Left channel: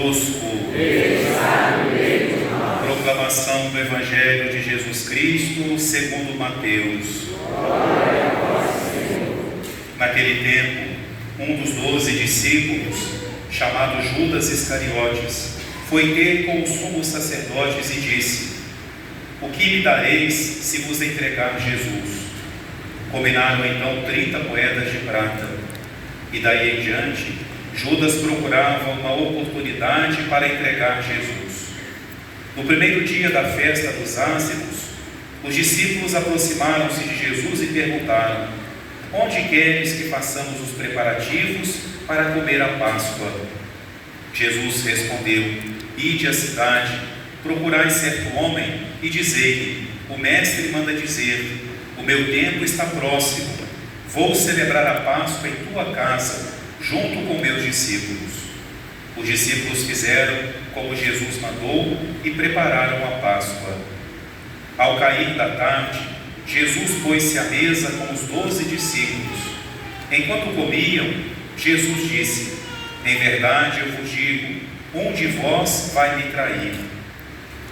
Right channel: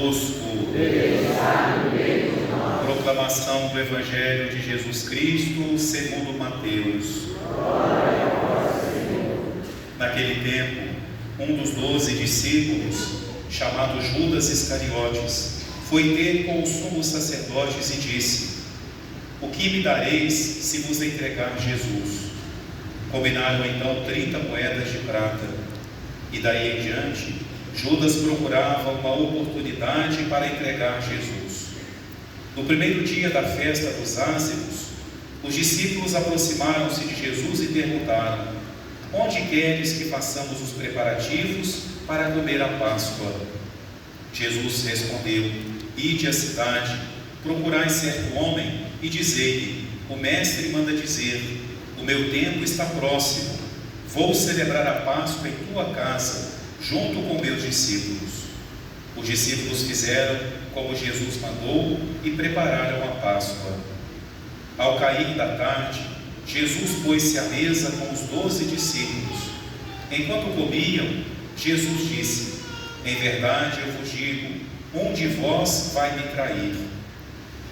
convosco. Proclamação do Evangelho de Jesus Cristo segundo Mateus. Naquele tempo, um dos 12 discípulos, chamado Judas Iscariotes, foi ter com os sumos sacerdotes e disse: o que me dareis se vos entregar Jesus? Combinaram então 30 moedas de prata. E daí em diante, Judas procurava uma oportunidade para entregar Jesus. No primeiro dia da festa dos Ázimos, os discípulos aproximaram-se de Jesus e perguntaram: onde queres que façamos os preparativos para comer a Páscoa? Jesus respondeu: ide à cidade, procurai certo homem e dizei-lhe: o mestre manda dizer, o meu tempo está próximo, vou celebrar a Páscoa em tua casa, junto com meus discípulos. Os discípulos fizeram como Jesus mandou e prepararam a Páscoa. Ao cair da tarde, Jesus pôs-se à mesa com os 12 discípulos. Enquanto comiam, Jesus disse: em verdade eu vos digo, um de vós vai me trair.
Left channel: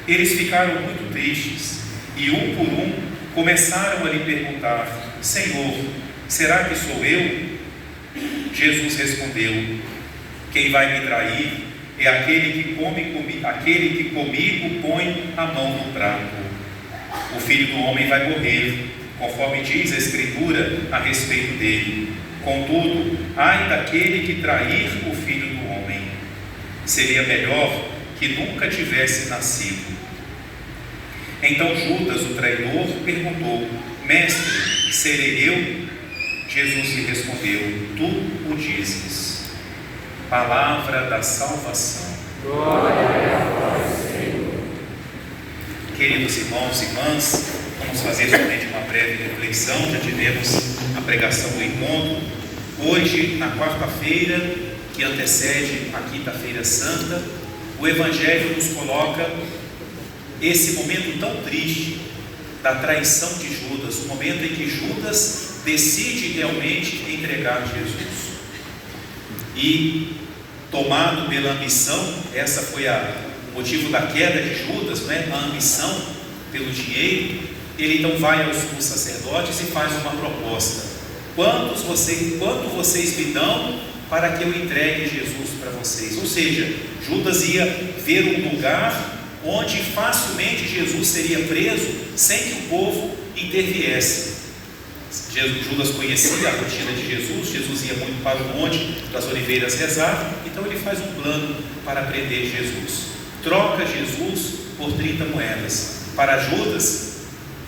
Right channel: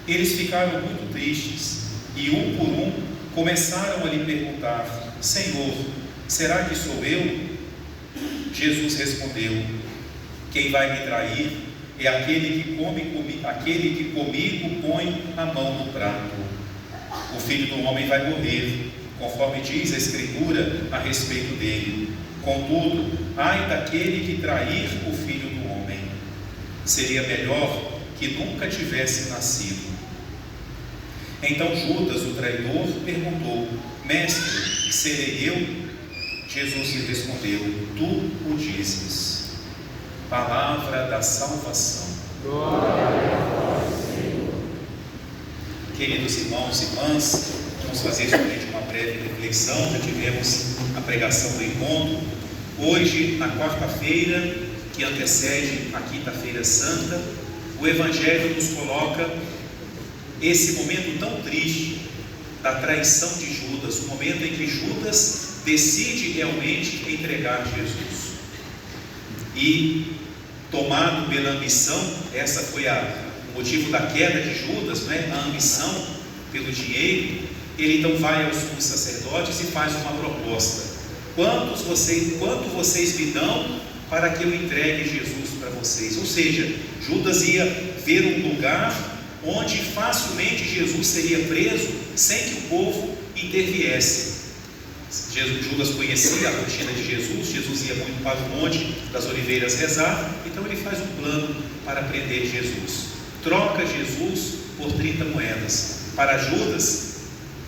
Eles ficaram muito tristes e, um por um, começaram a lhe perguntar: Senhor, será que sou eu? Jesus respondeu: quem vai me trair é aquele que comigo põe a mão no prato. O Filho do Homem vai morrer, conforme diz a Escritura a respeito dele. Contudo, ai daquele que trair o Filho do Homem. Seria melhor que nunca tivesse nascido. Então Judas, o traidor, perguntou: mestre, serei eu? Jesus lhe respondeu: tu o dizes. Palavra da salvação. Glória a vós, Senhor. Queridos irmãos e irmãs, vamos fazer somente uma breve reflexão. Já tivemos a pregação do encontro. Hoje, na quarta-feira, que antecede a quinta-feira santa, o Evangelho nos coloca esse momento tão triste da traição de Judas, o momento em que Judas decide realmente entregar Jesus. E, tomado pela ambição, essa foi o motivo da queda de Judas, né? A ambição pelo dinheiro. Ele então vai aos sumos sacerdotes e faz uma proposta: quanto vocês me dão para que eu entregue Jesus para vocês? Ou seja, Judas ia ver um lugar onde facilmente Jesus seria preso sem que o povo interviesse. Judas conhecia a rotina de Jesus. Jesus ia muito para o Monte das Oliveiras rezar, então ele faz um plano para prender Jesus. Troca Jesus por 30 moedas. Para Judas,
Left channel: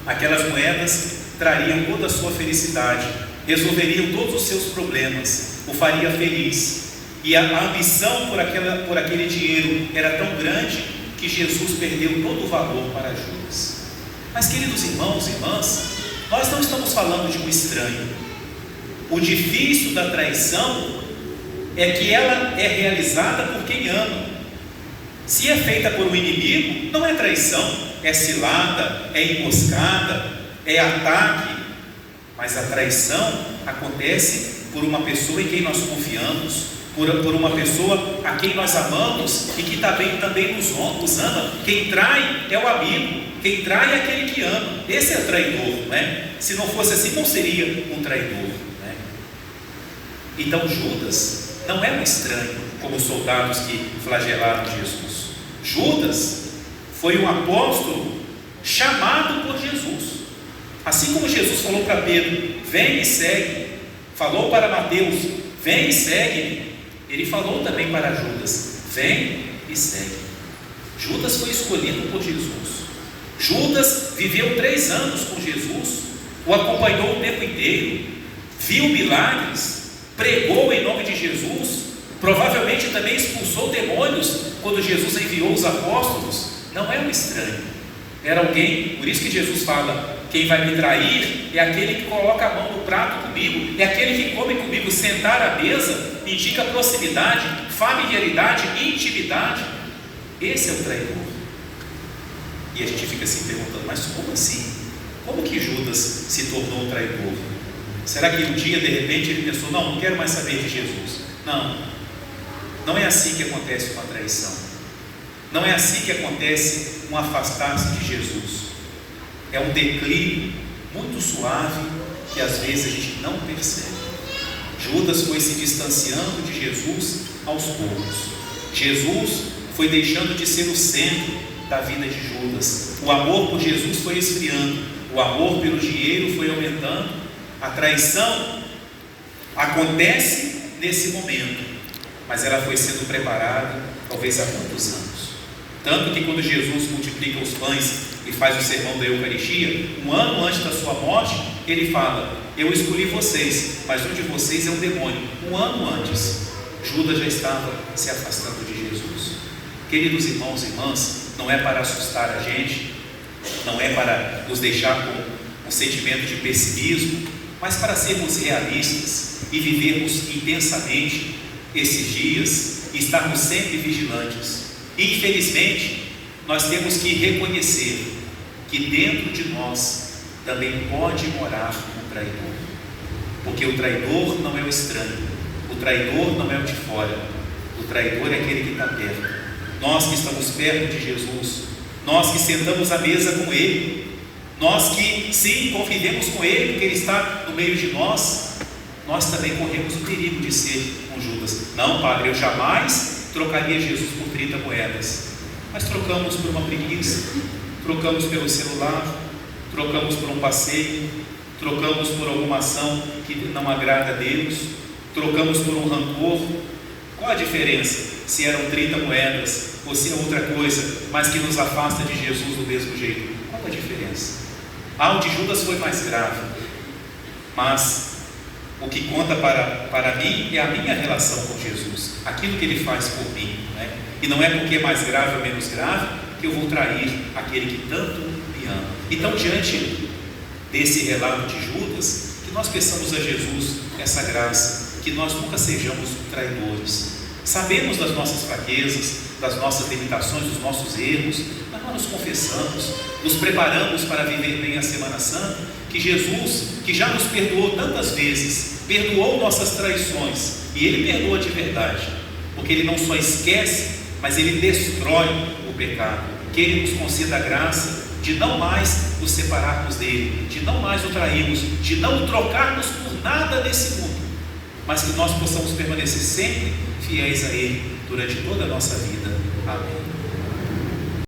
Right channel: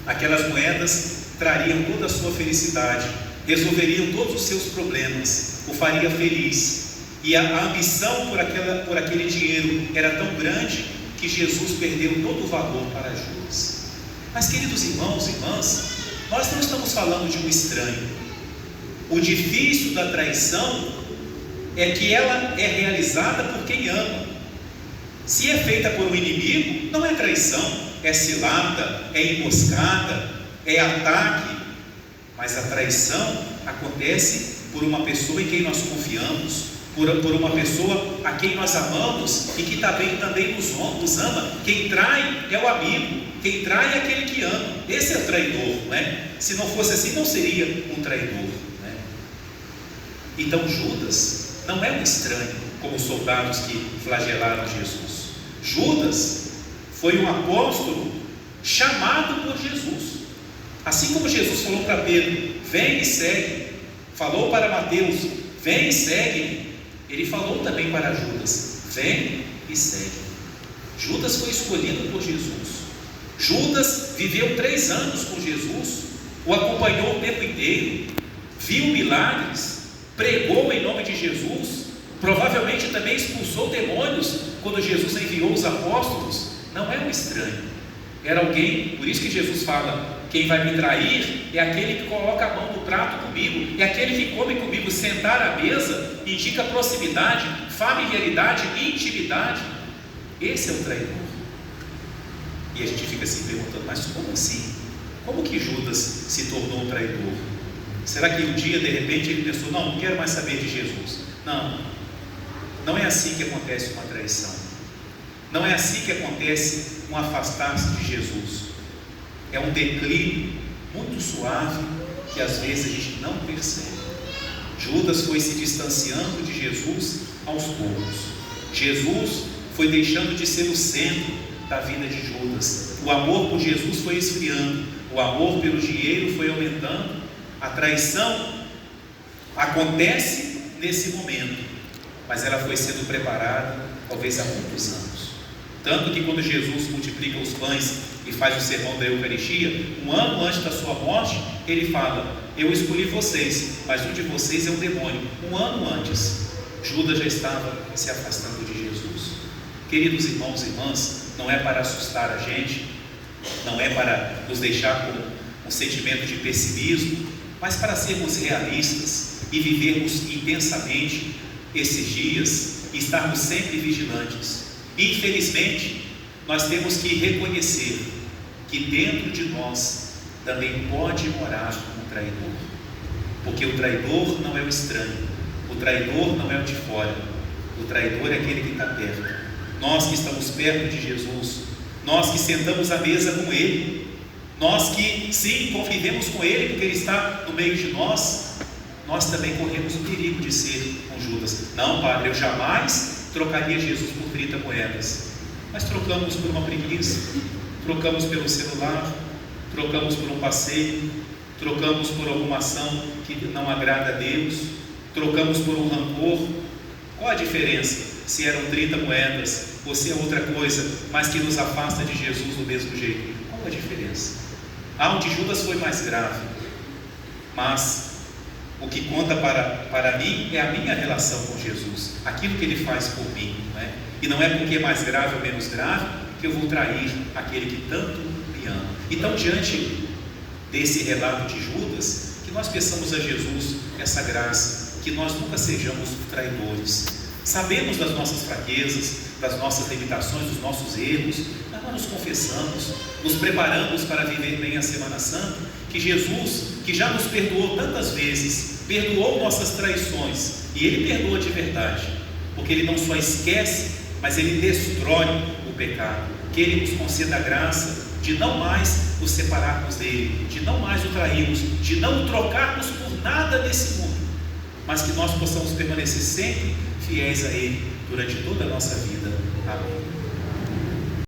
aquelas moedas trariam toda a sua felicidade, resolveriam todos os seus problemas, o faria feliz. E a ambição por aquele dinheiro era tão grande que Jesus perdeu todo o valor para Judas. Mas, queridos irmãos e irmãs, nós não estamos falando de um estranho. O difícil da traição é que ela é realizada por quem ama. Se é feita por um inimigo, não é traição, é cilada, é emboscada, é ataque. Mas a traição acontece por uma pessoa em quem nós confiamos, por uma pessoa a quem nós amamos e que também nos ama. Quem trai é o amigo, quem trai é aquele que ama. Esse é o traidor, né? Se não fosse assim, não seria um traidor, né? Então Judas não é um estranho, como os soldados que flagelaram Jesus. Judas foi um apóstolo chamado por Jesus. Assim como Jesus falou para Pedro: vem e segue, falou para Mateus: vem e segue, ele falou também para Judas: vem e segue. Judas foi escolhido por Jesus. Judas viveu 3 anos com Jesus, o acompanhou o tempo inteiro, viu milagres, pregou em nome de Jesus, provavelmente também expulsou demônios quando Jesus enviou os apóstolos. Não é um estranho, era alguém. Por isso que Jesus fala: quem vai me trair é aquele que coloca a mão no prato comigo, é aquele que come comigo. Sentar à mesa indica proximidade, familiaridade, intimidade. Esse é o traidor. E a gente fica se perguntando: mas como assim? Como que Judas se tornou traidor? Será que um dia de repente ele pensou: não quero mais saber de Jesus? Não Não é assim que acontece uma traição. Não é assim que acontece um afastar-se de Jesus. É um declínio muito suave que às vezes a gente não percebe. Judas foi se distanciando de Jesus aos poucos. Jesus foi deixando de ser o centro da vida de Judas. O amor por Jesus foi esfriando. O amor pelo dinheiro foi aumentando. A traição acontece nesse momento, mas ela foi sendo preparada talvez há muitos anos. Tanto que quando Jesus multiplica os pães e faz o sermão da Eucaristia, um ano antes da sua morte, ele fala: eu escolhi vocês, mas um de vocês é um demônio. Um ano antes, Judas já estava se afastando de Jesus. Queridos irmãos e irmãs, não é para assustar a gente, não é para nos deixar com um sentimento de pessimismo, mas para sermos realistas e vivermos intensamente esses dias e estarmos sempre vigilantes. Infelizmente, nós temos que reconhecer que dentro de nós também pode morar um traidor, porque o traidor não é o estranho, o traidor não é o de fora, o traidor é aquele que está perto. Nós que estamos perto de Jesus, nós que sentamos à mesa com Ele, nós que sim, convivemos com Ele porque Ele está no meio de nós, nós também corremos o perigo de ser um Judas. Não, Padre, eu jamais trocaria Jesus por 30 moedas, mas trocamos por uma preguiça, trocamos pelo celular, trocamos por um passeio, trocamos por alguma ação que não agrada a Deus, trocamos por um rancor. Qual a diferença se eram 30 moedas ou se é outra coisa, mas que nos afasta de Jesus do mesmo jeito? Qual a diferença? O de Judas foi mais grave, mas o que conta para mim é a minha relação com Jesus, aquilo que Ele faz por mim, né? E não é porque é mais grave ou menos grave que eu vou trair aquele que tanto me ama. Então, diante desse relato de Judas, que nós peçamos a Jesus essa graça, que nós nunca sejamos traidores. Sabemos das nossas fraquezas, das nossas limitações, dos nossos erros, mas nós nos confessamos, nos preparamos para viver bem a Semana Santa, que Jesus, que já nos perdoou tantas vezes, perdoou nossas traições, e Ele perdoa de verdade, porque Ele não só esquece, mas Ele destrói o pecado. Que Ele nos conceda a graça de não mais nos separarmos dEle, de não mais o trairmos, de não o trocarmos por nada desse mundo, mas que nós possamos permanecer sempre fiéis a Ele durante toda a nossa vida. Amém.